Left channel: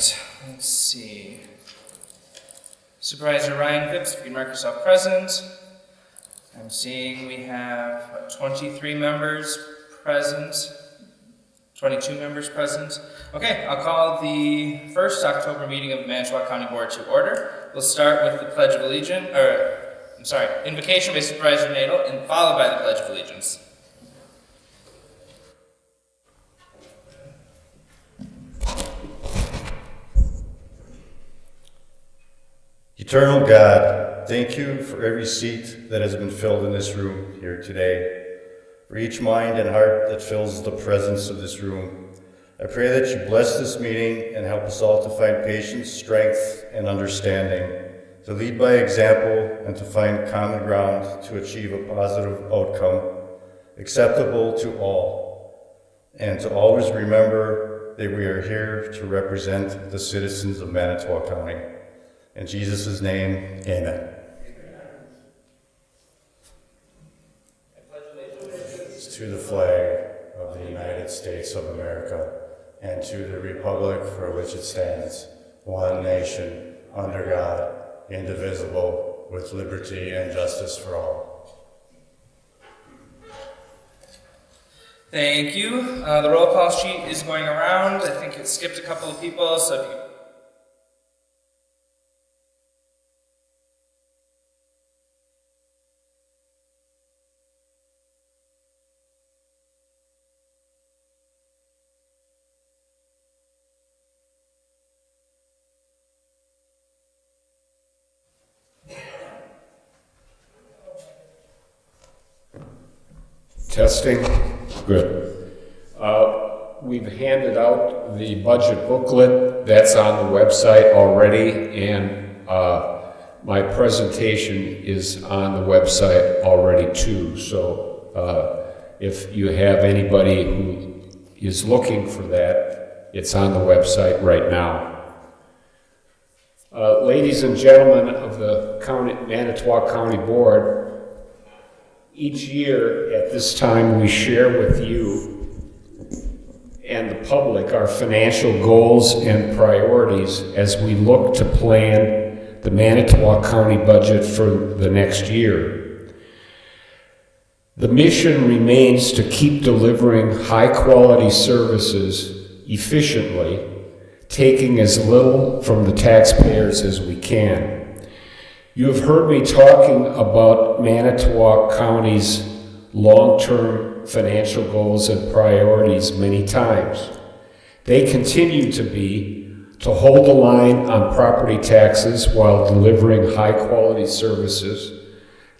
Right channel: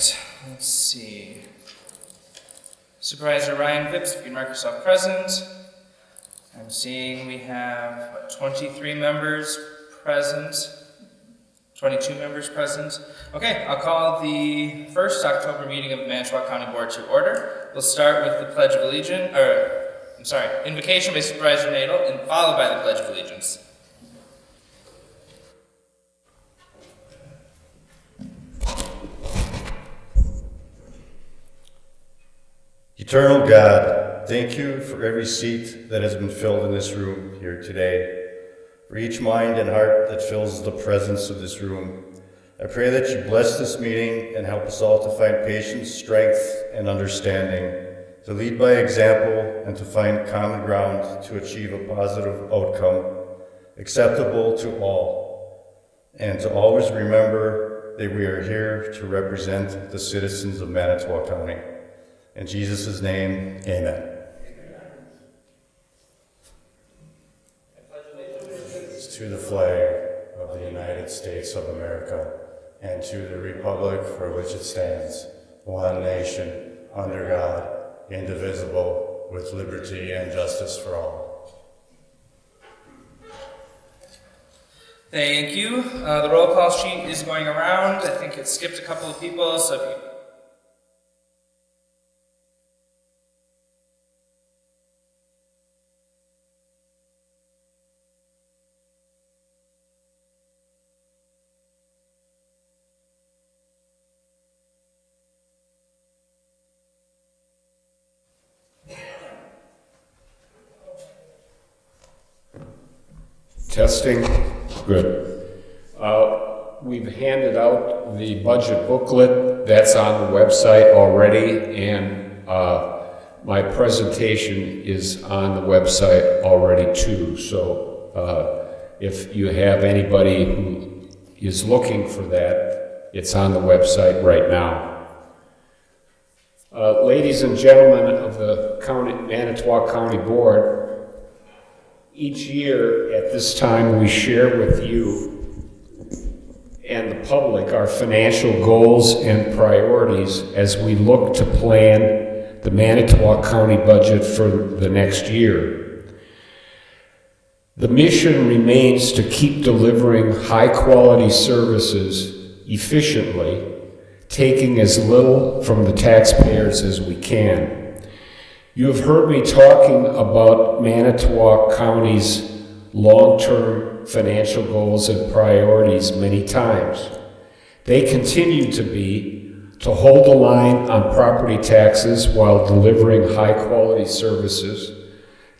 right, let's see. Supervisor Ryan Phipps, if you can mark yourself present. I'm seeing we have 23 members present, 22 members present. Okay, I'll call the first October meeting of the Manitowoc County Board to order. We'll start with the Pledge of Allegiance, invocation by Supervisor Nadel, and followed by the Pledge of Allegiance. Eternal God, thank you for every seat that has been filled in this room here today, for each mind and heart that fills the presence of this room. I pray that you bless this meeting and help us all to find patience, strength, and understanding, to lead by example and to find common ground to achieve a positive outcome, acceptable to all, and to always remember that we are here to represent the citizens of Manitowoc County. In Jesus' name, amen. To the flag of the United States of America and to the republic for which it stands, one nation, under God, indivisible, with liberty and justice for all. Thank you. The roll call sheet is going around. I think it skipped a couple of people, so if you Testing. Good. We've handed out the budget booklet. That's on the website already, and my presentation is on the website already too. So if you have anybody who is looking for that, it's on the website right now. Ladies and gentlemen of the Manitowoc County Board, each year at this time we share with you and the public our financial goals and priorities as we look to plan the Manitowoc County budget for the next year. The mission remains to keep delivering high-quality services efficiently, taking as little from the taxpayers as we can. You have heard me talking about Manitowoc County's long-term financial goals and priorities many times. They continue to be to hold the line on property taxes while delivering high-quality services,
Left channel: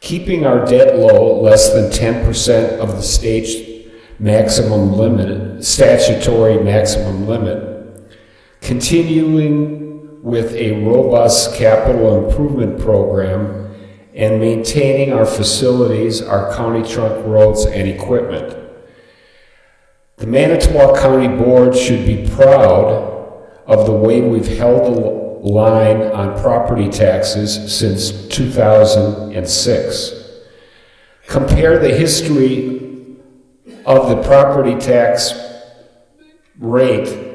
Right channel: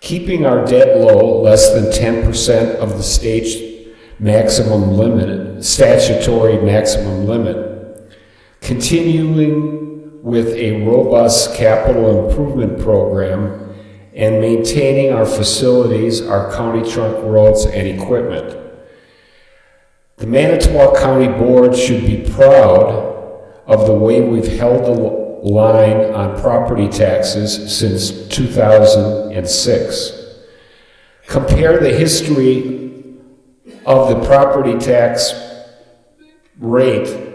keeping our debt low, less than 10% of the state's maximum limit, statutory maximum limit, continuing with a robust capital improvement program, and maintaining our facilities, our county trunk roads, and equipment. The Manitowoc County Board should be proud of the way we've held the line on property taxes since 2006. Compare the history of the property tax rate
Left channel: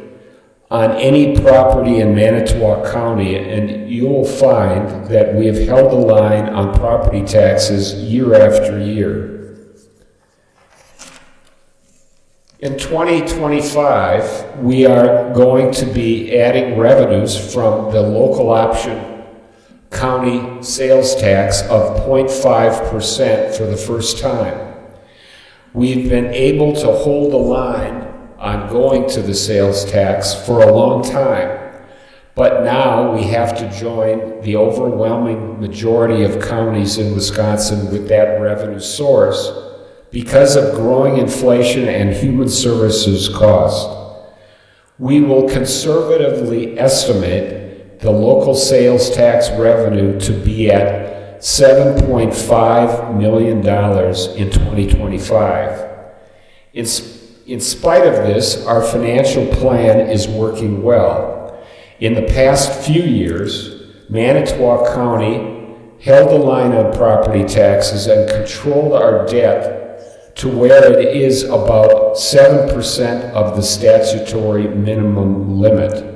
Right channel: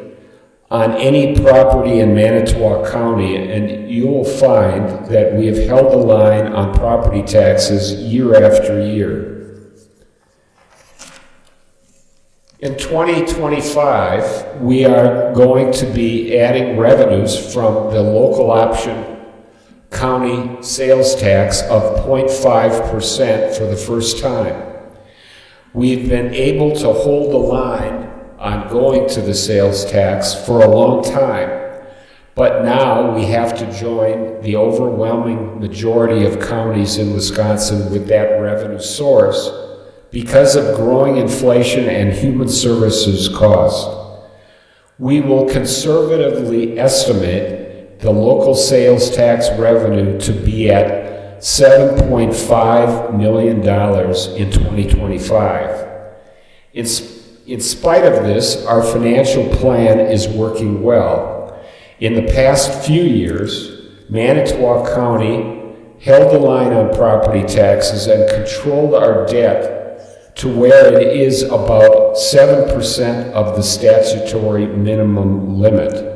on any property in Manitowoc County, and you'll find that we have held the line on property taxes year after year. In 2025, we are going to be adding revenues from the local option county sales tax of 0.5% for the first time. We've been able to hold the line on going to the sales tax for a long time, but now we have to join the overwhelming majority of counties in Wisconsin with that revenue source because of growing inflation and human services cost. We will conservatively estimate the local sales tax revenue to be at $7.5 million in 2025. In spite of this, our financial plan is working well. In the past few years, Manitowoc County held the line on property taxes and controlled our debt to where it is about 7% of the statutory minimum limit.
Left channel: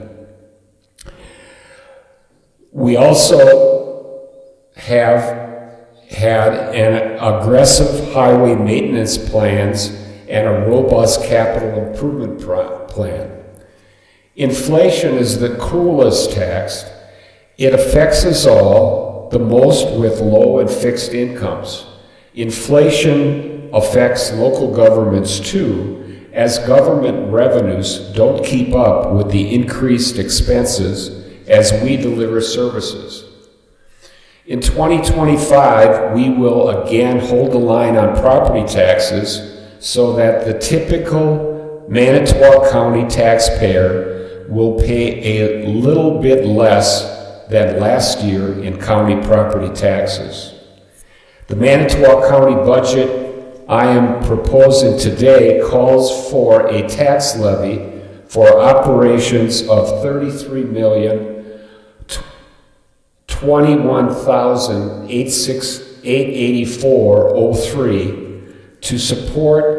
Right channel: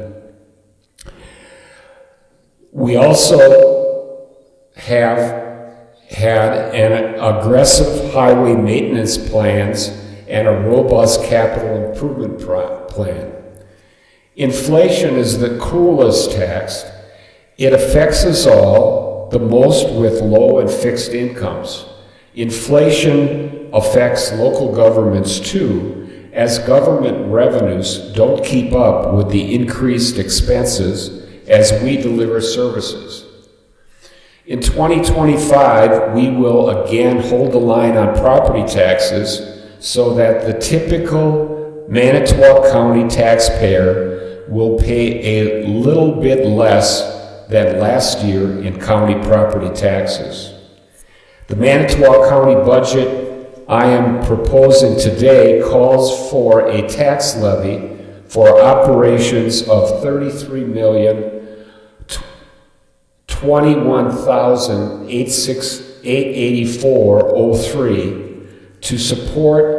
We also have had an aggressive highway maintenance plans and a robust capital improvement plan. Inflation is the cruelest tax. It affects us all, the most with low and fixed incomes. Inflation affects local governments too, as government revenues don't keep up with the increased expenses as we deliver services. In 2025, we will again hold the line on property taxes so that the typical Manitowoc County taxpayer will pay a little bit less than last year in county property taxes. The Manitowoc County budget I am proposing today calls for a tax levy for operations of $33,021,884.03 to support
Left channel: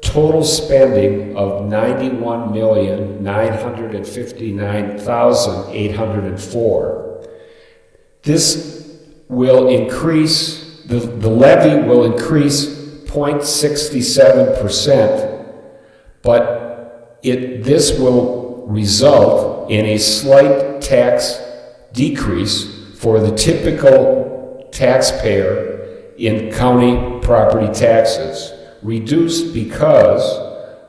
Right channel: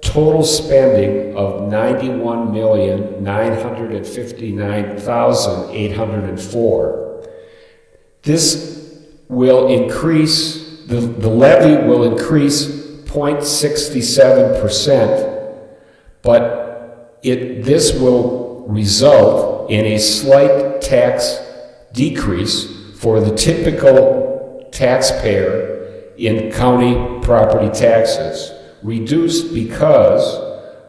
total spending of $91,959,804. This will increase, the levy will increase 0.67%, but this will result in a slight tax decrease for the typical taxpayer in county property taxes, reduced because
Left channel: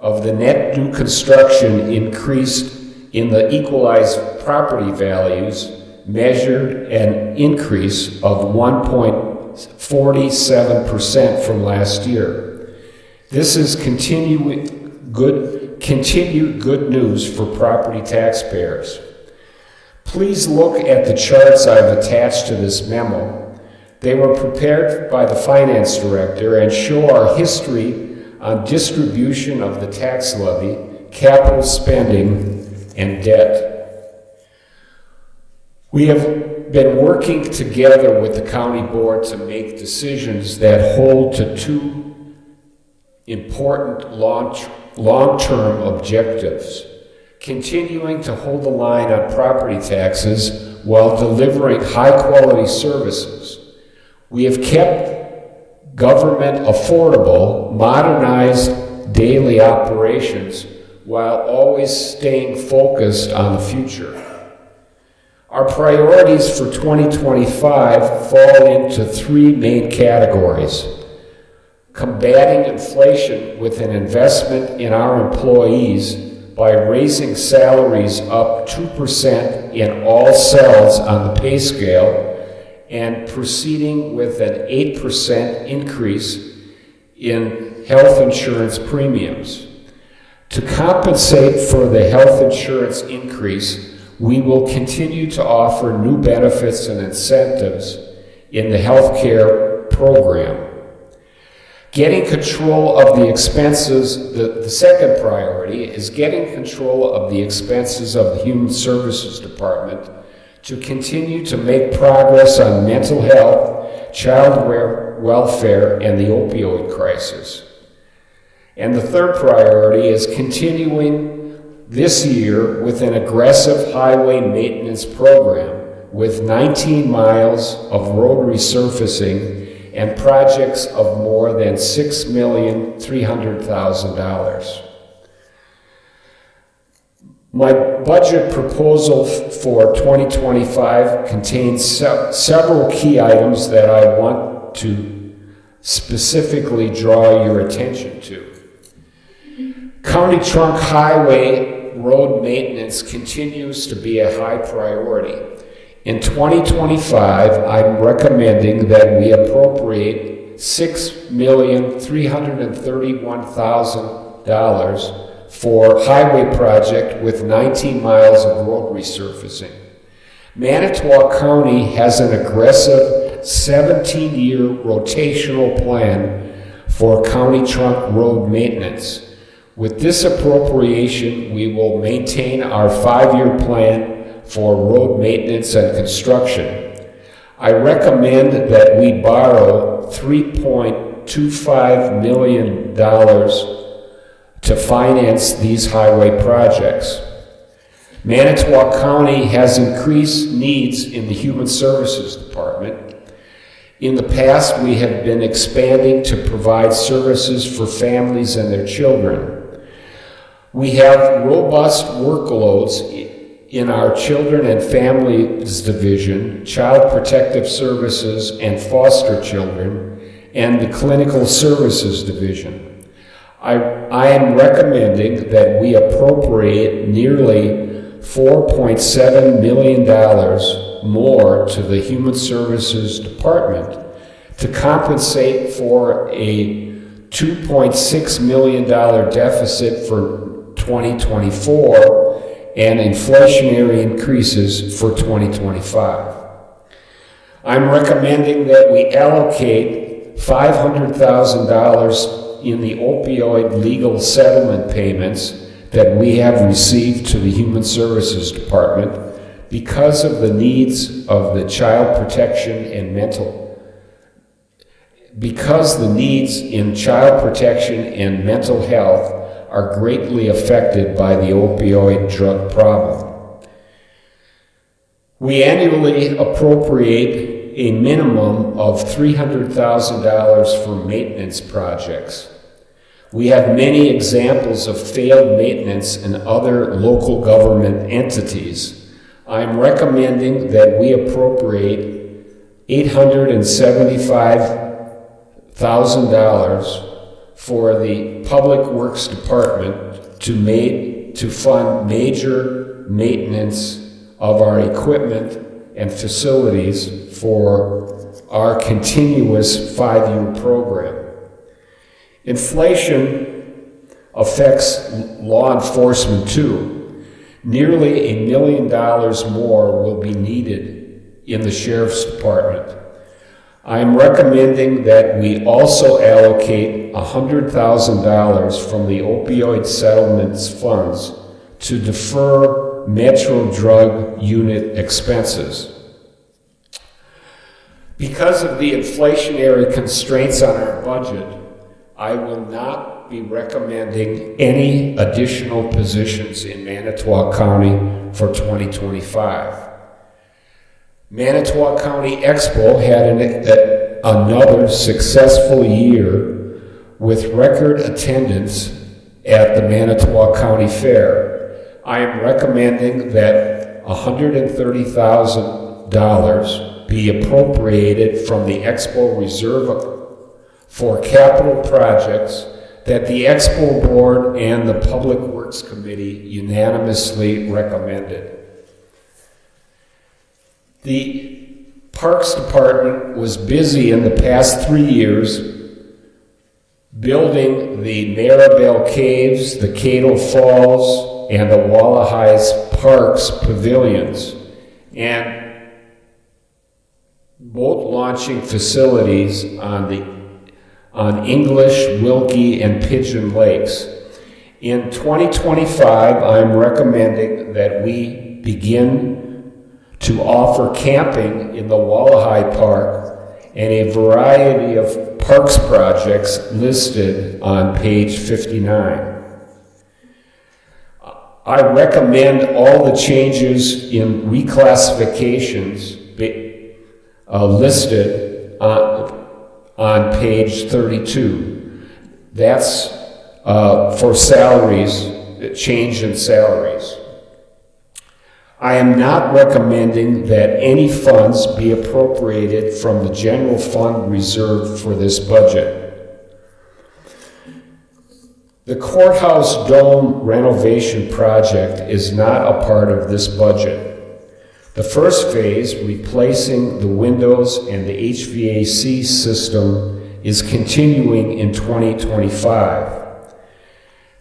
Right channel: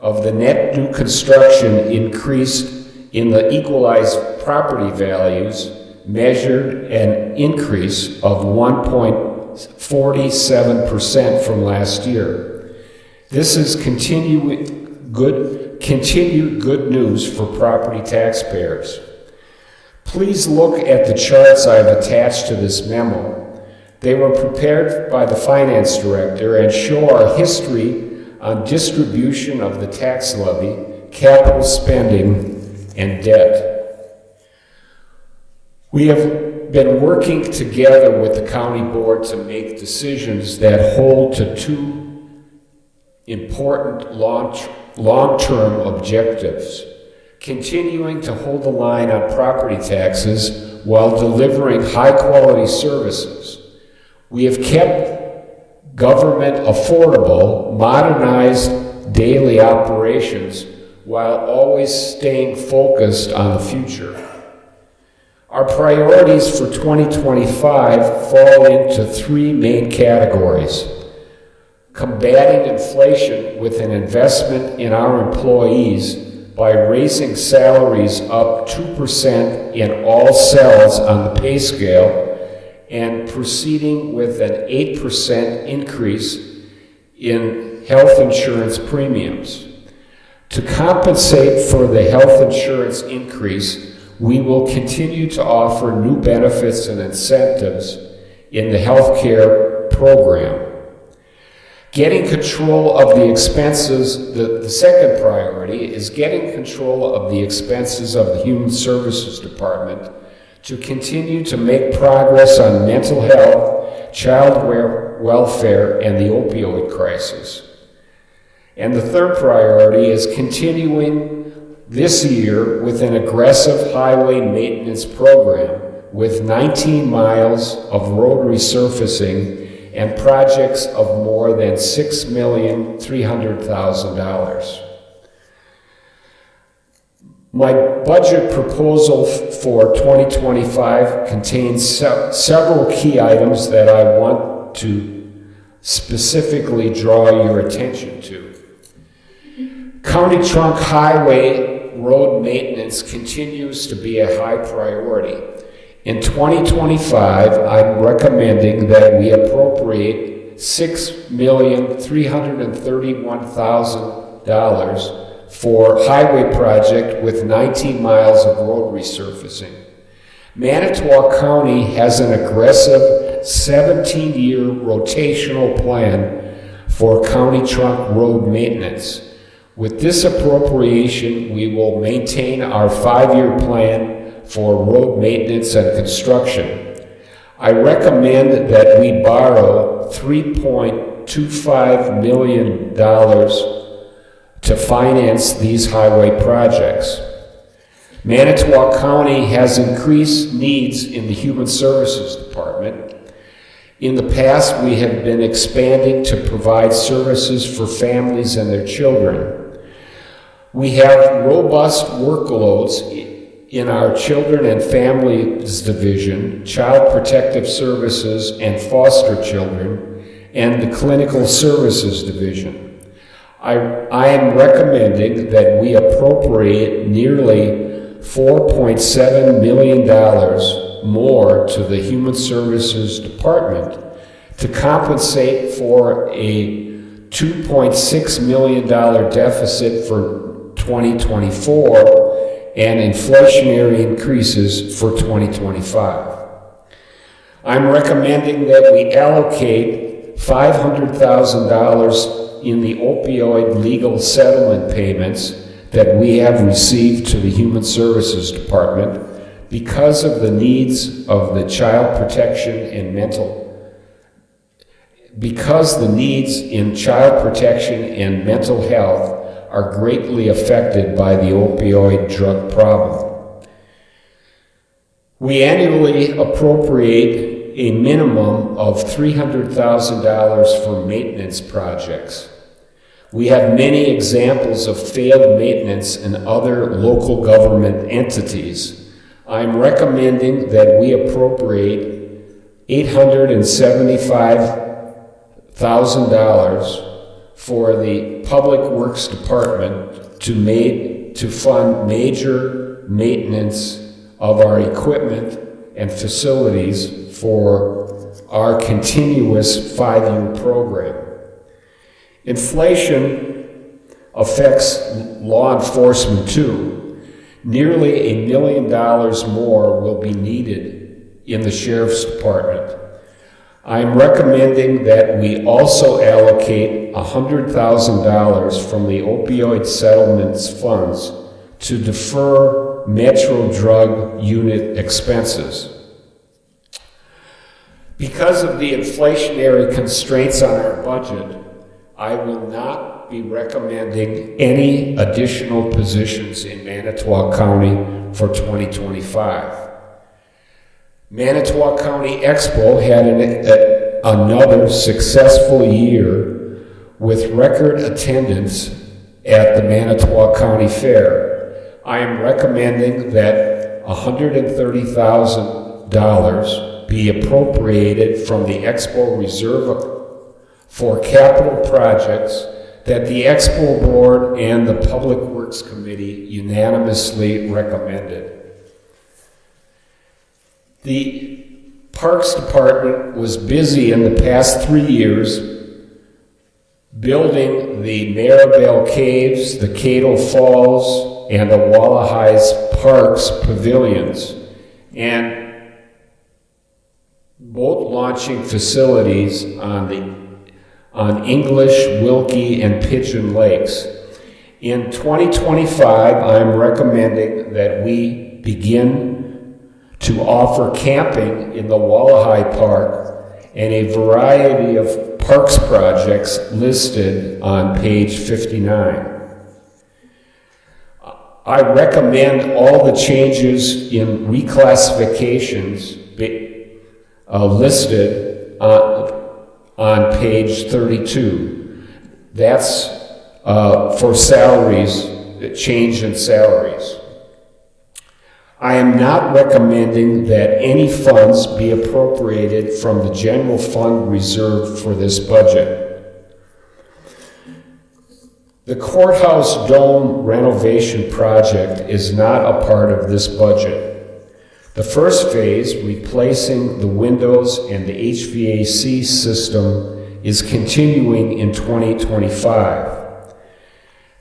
of the net new construction increased in the equalized property values, measured an increase of 1.47% from last year. This is continued good news for property taxpayers. Please look at the charts I've attached to this memo. They were prepared by the finance director and show our history on distribution of the tax levy, capital spending, and debt. We have been working together with the county board to make decisions that hold to two important long-term objectives: continuing to hold the line on property taxes while delivering high-quality services. We have kept government affordable, modernized daily operations while always staying focused on the future. Our priorities for 2025 fall into three main categories: combating inflation with an investment in our employees by raising salaries up 2% in all cells on the pay scale, and proceeding with an 8% increase in health insurance premiums. To compensate for the health insurance increase, we will continue to offer new benefits and incentives in the health care program. Getting control of the expenses, the second priority is getting control of the expenses of the Human Services Department to continue to make progress on mental health, child welfare, and the opioid crisis. And the third priority is continuing this year with an aggressive highway maintenance program with 19 miles of road resurfacing and projects of more than $6,300,000. My budget proposal for 2025 contains several key items that I want to specifically draw your attention to. County trunk highway road maintenance continues to be a high priority. In 2025, I'm recommending that we appropriate $6,331,000 for highway project with 19 miles of road resurfacing. Manitowoc County has an aggressive 17-year rotational plan for county trunk road maintenance. With this appropriation, we will maintain our 5-year plan for road maintenance and construction. I recommend that we borrow $3.25 million to finance these highway projects. Manitowoc County has increased needs in the Human Services Department. In the past, we have been expanding to provide services for families and their children. We have robust workloads in our Children and Families Division, Child Protective Services and Foster Children, and the Clinical Services Division. I am recommending that we appropriate nearly $4.7 million more to the Human Services Department to compensate for a $2.6 million deficit for 2024 and inflationary increases for 2025. I'm recommending that we allocate $500,000 in the opioid legal settlement payments that we have received to the Human Services Department because of the needs of the child protection and because the needs in child protection and mental health are greatly affected by the opioid drug problem. We annually appropriate a minimum of $300,000 for maintenance projects. We have many examples of failed maintenance in other local government entities. I'm recommending that we appropriate $875,000 for the Public Works Department to fund major maintenance of our equipment and facilities for our continuous 5-year program. Inflation affects law enforcement too. Nearly $1 million more will be needed in the Sheriff's Department. I am recommending that we also allocate $100,000 from the opioid settlements funds to defer Metro Drug Unit expenses. Because of the inflationary constraints on our budget, I will not be recommending any additional positions in Manitowoc County for 2025. Manitowoc County Expo had another successful year with record attendance at the Manitowoc County Fair. I am recommending that $130,000 be appropriated from the Expo Reserve for capital projects that the Expo Board and the Public Works Committee unanimously recommended. The Parks Department was busy in the past 3 years building the Maribel Caves, the Cato Falls, and the Wallahais Parks pavilions, and boat launching facilities on English, Wilkie, and Pigeon Lakes. In 2025, I'm recommending that we begin to offer camping in the Wallahai Park and a variety of parks projects listed on page 59. I recommend all the changes in reclassifications listed on page 32. That's for salaries, change in salaries. I am not recommending that any funds be appropriated from the general fund reserved for this budget. The courthouse dome renovation project is not a part of this budget. The first phase, replacing the windows and the HVAC system, is continuing in 2025.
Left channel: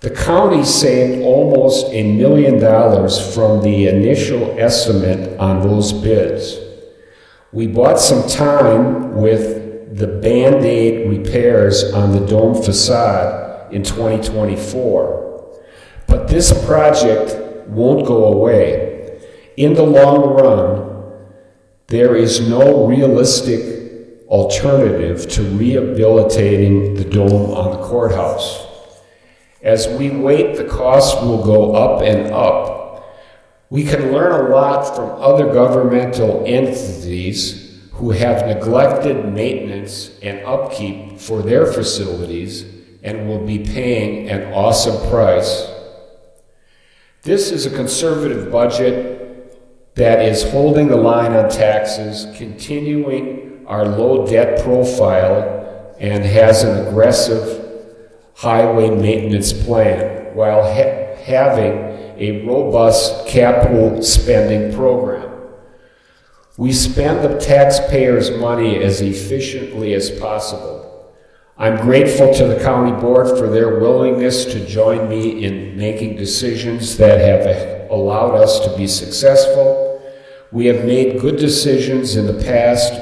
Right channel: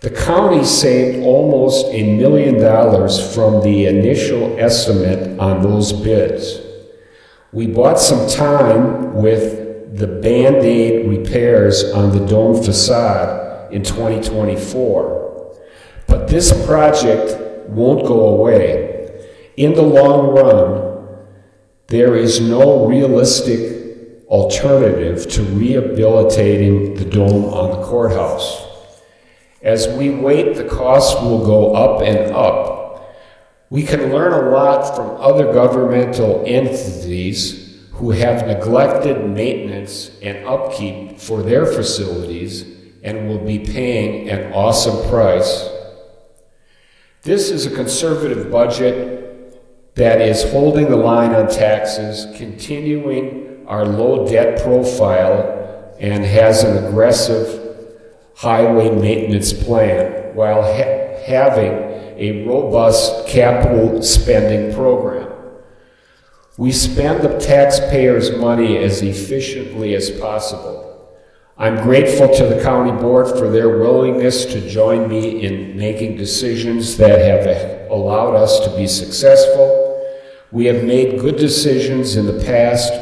The county saved almost $1 million from the initial estimate on those bids. We bought some time with the Band-Aid repairs on the dome facade in 2024. But this project won't go away. In the long run, there is no realistic alternative to rehabilitating the dome on the courthouse. As we wait, the costs will go up and up. We can learn a lot from other governmental entities who have neglected maintenance and upkeep for their facilities and will be paying an awesome price. This is a conservative budget that is holding the line on taxes, continuing our low debt profile, and has an aggressive highway maintenance plan while having a robust capital spending program. We spend the taxpayers' money as efficiently as possible. I'm grateful to the county board for their willingness to join me in making decisions that have allowed us to be successful. We have made good decisions in the past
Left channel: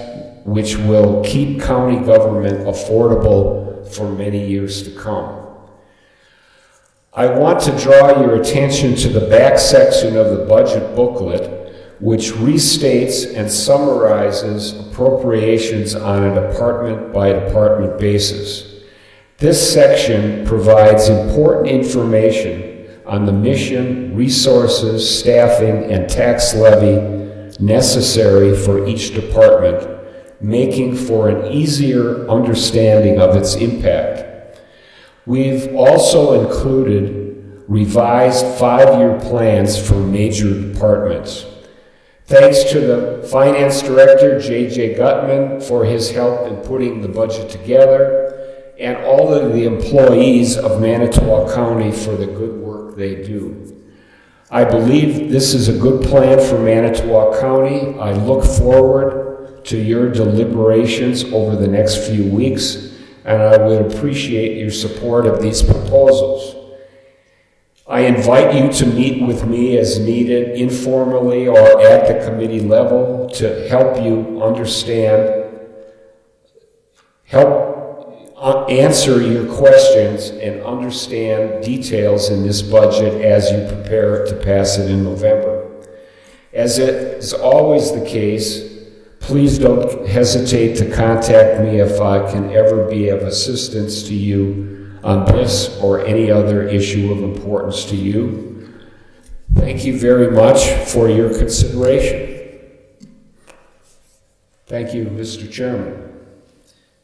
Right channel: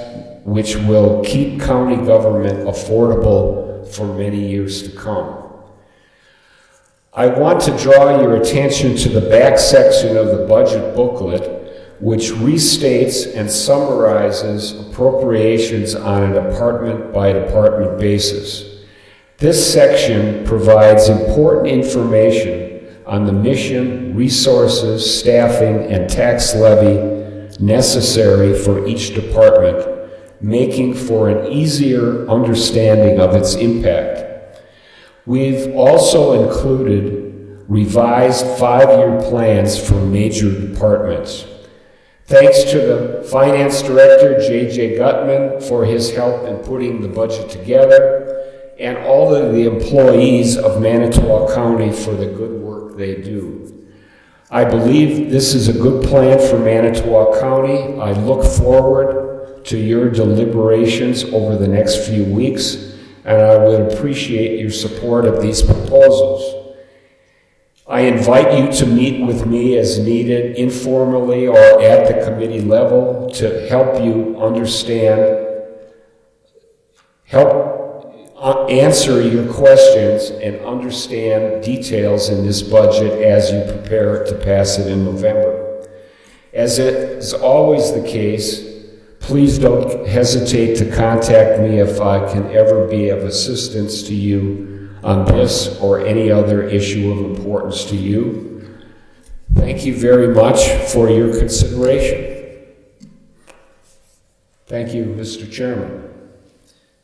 which will keep county government affordable for many years to come. I want to draw your attention to the back section of the budget booklet, which restates and summarizes appropriations on a department-by-department basis. This section provides important information on the mission, resources, staffing, and tax levy necessary for each department, making for an easier understanding of its impact. We've also included revised 5-year plans for major departments. Thanks to the Finance Director, J.J. Gutman, for his help in putting the budget together, and all of the employees of Manitowoc County for the good work they do. I believe this is a good plan for Manitowoc County. I look forward to your deliberations over the next few weeks, and I would appreciate your support of these proposals. I invite you to meet with me as needed, informally or at the committee level, to help you answer your questions and understand details in this budget as you prepare to pass it in November. As it is always the case, please don't hesitate to contact me if I can ever be of assistance to you on this or any other issue of importance to you. Thank you very much for your consideration. Thank you, Mr. Chairman.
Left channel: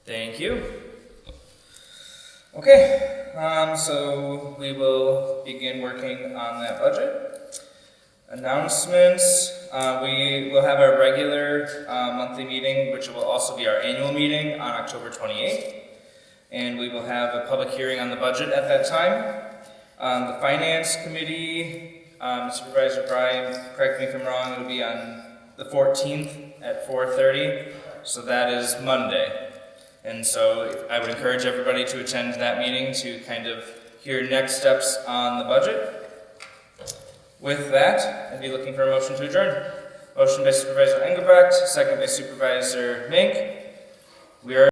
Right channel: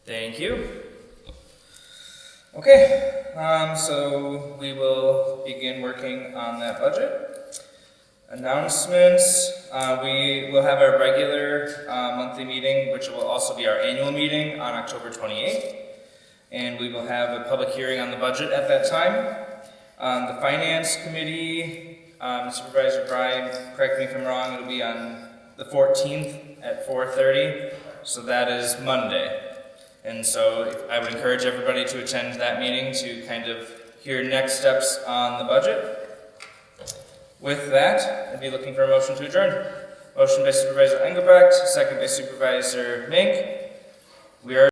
Thank you. Okay, so we will begin working on that budget. Announcements, we will have our regular monthly meeting, which will also be our annual meeting on October 28th. And we will have a public hearing on the budget at that time. The Finance Committee, Supervisor Bryan, correct me if I'm wrong, it'll be on the 14th at 4:30, so that is Monday. And so I would encourage everybody to attend that meeting to kind of hear next steps on the budget. With that, I'd be looking for a motion to adjourn. Motion by Supervisor Engelbrecht, second by Supervisor Mink. We are